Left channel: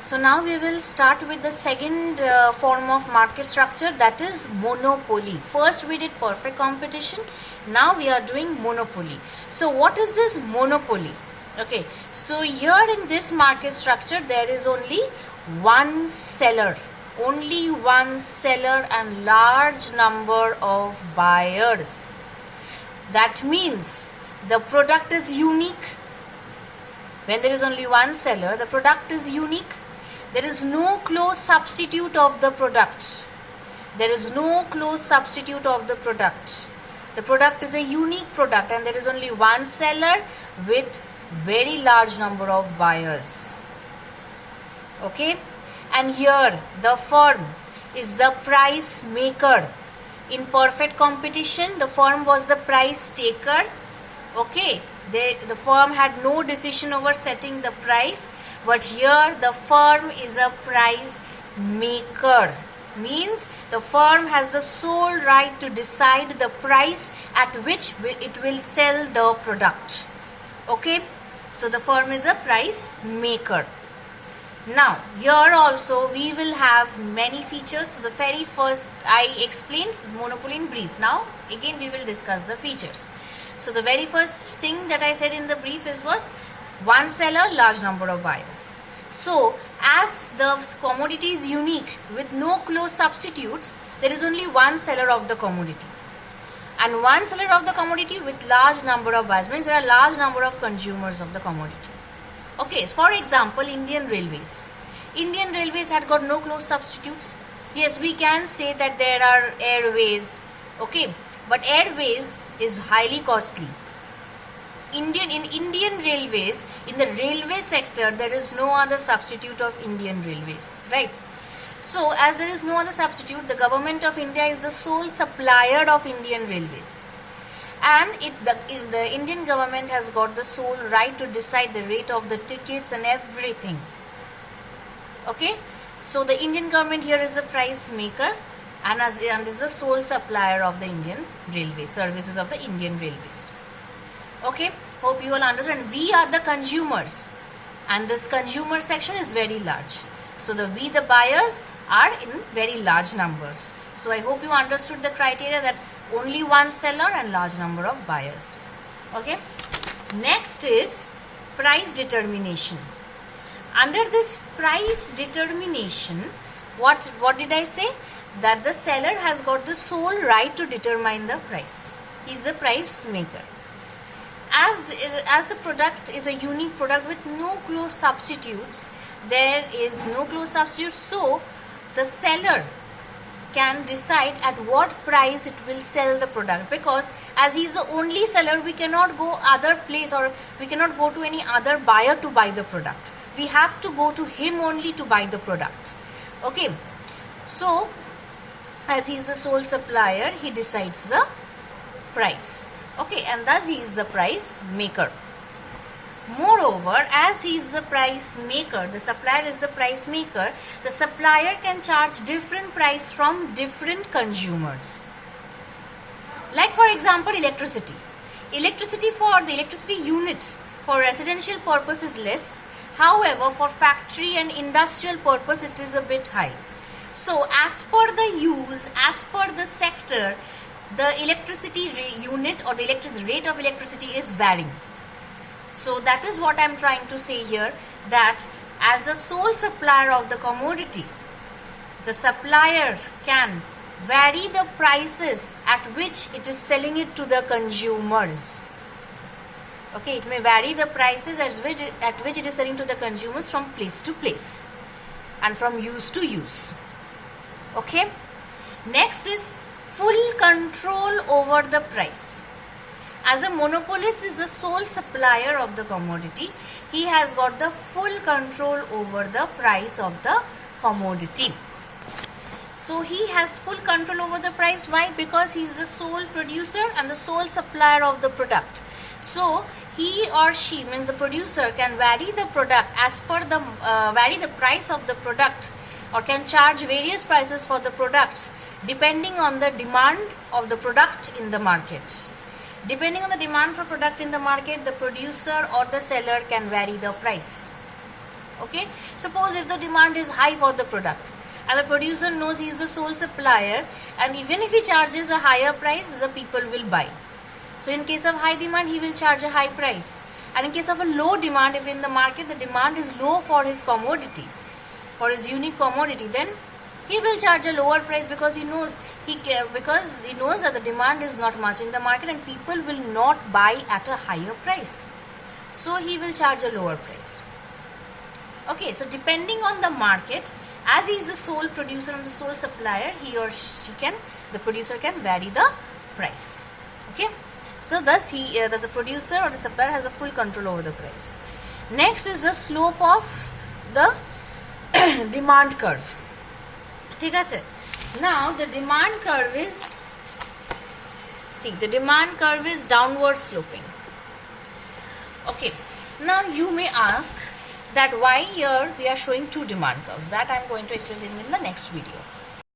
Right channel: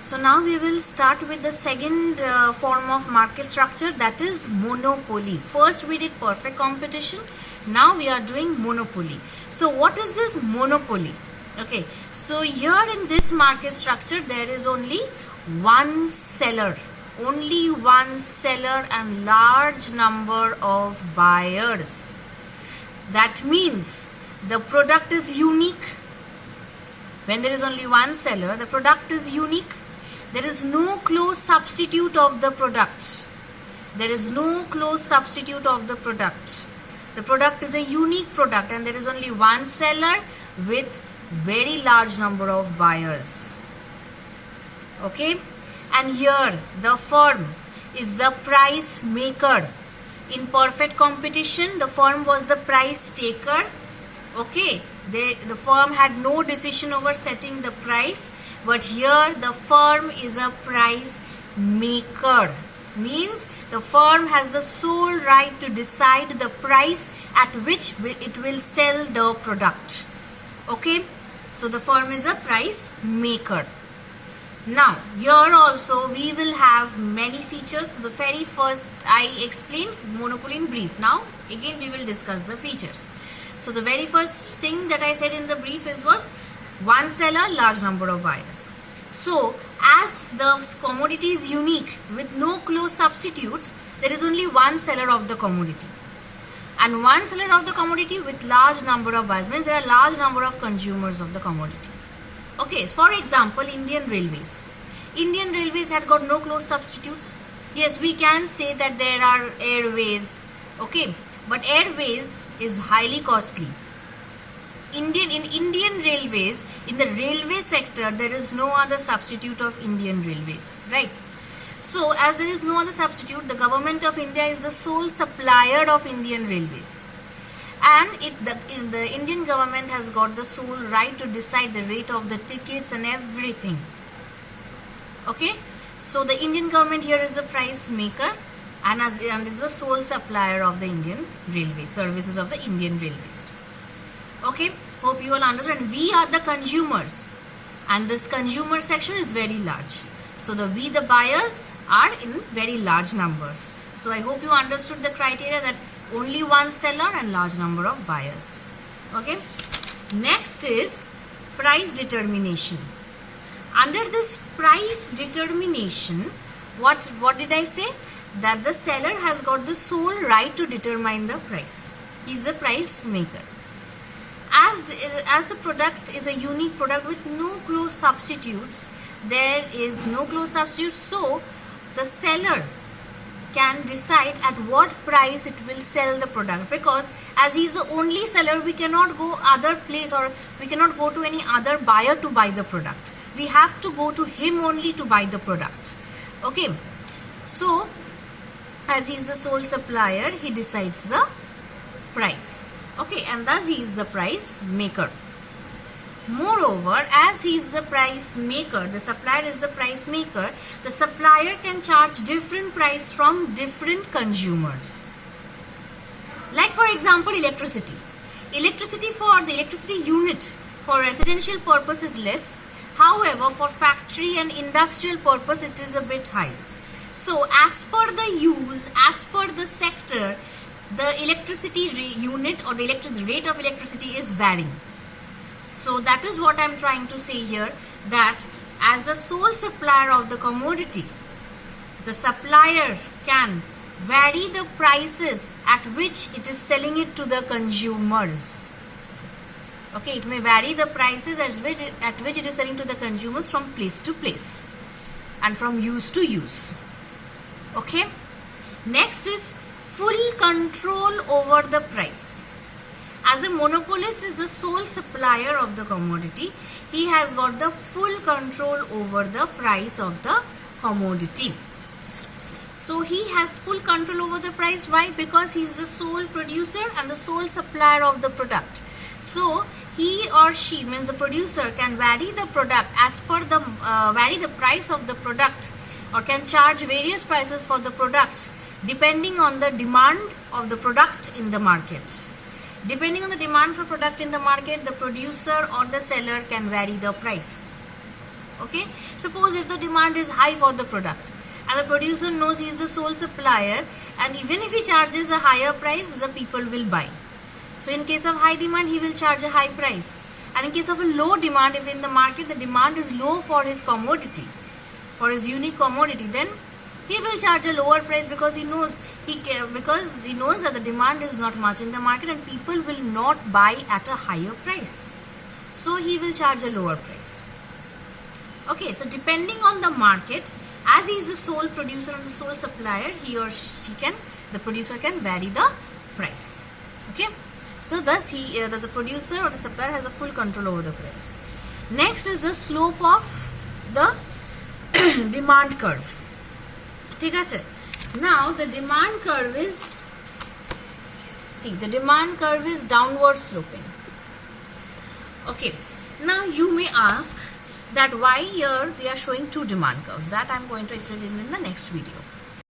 So now we will start with the second form of market structure, that is monopoly. First we did perfect competition, now we are doing monopoly. So what is this monopoly? Okay, so here in this market structure there is only one seller and large number of buyers. That means the product is unique. When there is only one seller, the product is unique. There is no close substitute of the product. There is no close substitute of the product. The product is a unique product and there is only one seller with very large number of buyers. Okay? And here the firm is the price maker. In perfect competition, the firm was the price taker. Okay? The firm had no decision over setting the price, but here the firm is a price maker. Means the firm has the sole right to decide the price at which it will sell the product. Okay, so the firm is a price maker. Now here also we will have many features. So the very first I explained monopoly in brief. Now again we will discuss the features. So the very first thing that I said in the brief was one seller, large number of buyers. So as the commodity is unique with no close substitutes, there is only one seller of the commodity. And one seller of the commodity with large number of buyers means there are large number of consumers of the commodity. Okay, for example, Indian Railways. Indian Railways had got no close substitutes. Yes, we can say that there are airways. Okay, but airways is highly costly. In Indian Railways, in the railway sector, there is no other substitute of Indian Railways, right? So, as there is no other substitute, the government of India is the sole supplier of Indian Railways. And the Indian government has got the sole right to decide the rate of the tickets and everything. Okay? So, the Indian government here is the price maker and is the sole supplier of the Indian Railway, services of the Indian Railways. Okay, hope you all understand. We are the consumers and this consumer section is very large. So we the buyers are in very large numbers. So I hope you understood the criteria that only one seller and large number of buyers. Okay, next is price determination. Under this price determination, what did I say? That the seller has got the sole right to determine the price. He is the price maker. As the product is a unique product with no close substitutes, there is no close substitute, so the seller can decide at what price it will sell the product, because as he is the only seller, we cannot go other place or we cannot go to any other buyer to buy the product. We have to go to him only to buy the product. Okay, so as he is the sole supplier, he decides the price. Okay, and thus he is the price maker. Moreover, as he is the price maker, the supplier is the price maker, the supplier can charge different price from different consumers. Like for example, electricity. Electricity for the electricity unit for residential purpose is less. However, for factory and industrial purpose, it is a bit high. So as per the use, as per the sector, the electricity unit or the rate of electricity is varying. So that is what I am trying to say here, that as the sole supplier of the commodity, the supplier can vary the prices at which it is selling it to the consumers. Okay, it may vary the prices at which it is selling to the consumers from place to place and from use to use. Okay, next is full control over the price. As a monopolist is the sole supplier of the commodity, he has got the full control over the price of the commodity. So he has full control over the price. Why? Because he is the sole producer and the sole supplier of the product. So he or she, means the producer, can vary the product as per the vary the price of the product, or can charge various prices for the product depending on the demand of the product in the market. Depending on the demand for product in the market, the producer or the seller can vary the price. Okay, suppose if the demand is high for the product and the producer knows he is the sole supplier, and even if he charges a higher price, the people will buy. So in case of high demand, he will charge a high price, and in case of a low demand, if in the market the demand is low for his commodity, for his unique commodity, then he will charge a lower price because he knows that the demand is not much in the market and people will not buy at a higher price. So he will charge a lower price. Okay, so depending on the market, as he is the sole producer and the sole supplier, the producer can vary the price. Okay, so thus the producer or the supplier has a full control over the price. Next is the slope of the demand curve. ठीक है? Now the demand curve is, the demand curve is downward sloping. Okay, now you may ask that why here we are showing two demand curves. That I am going to explain in the next video.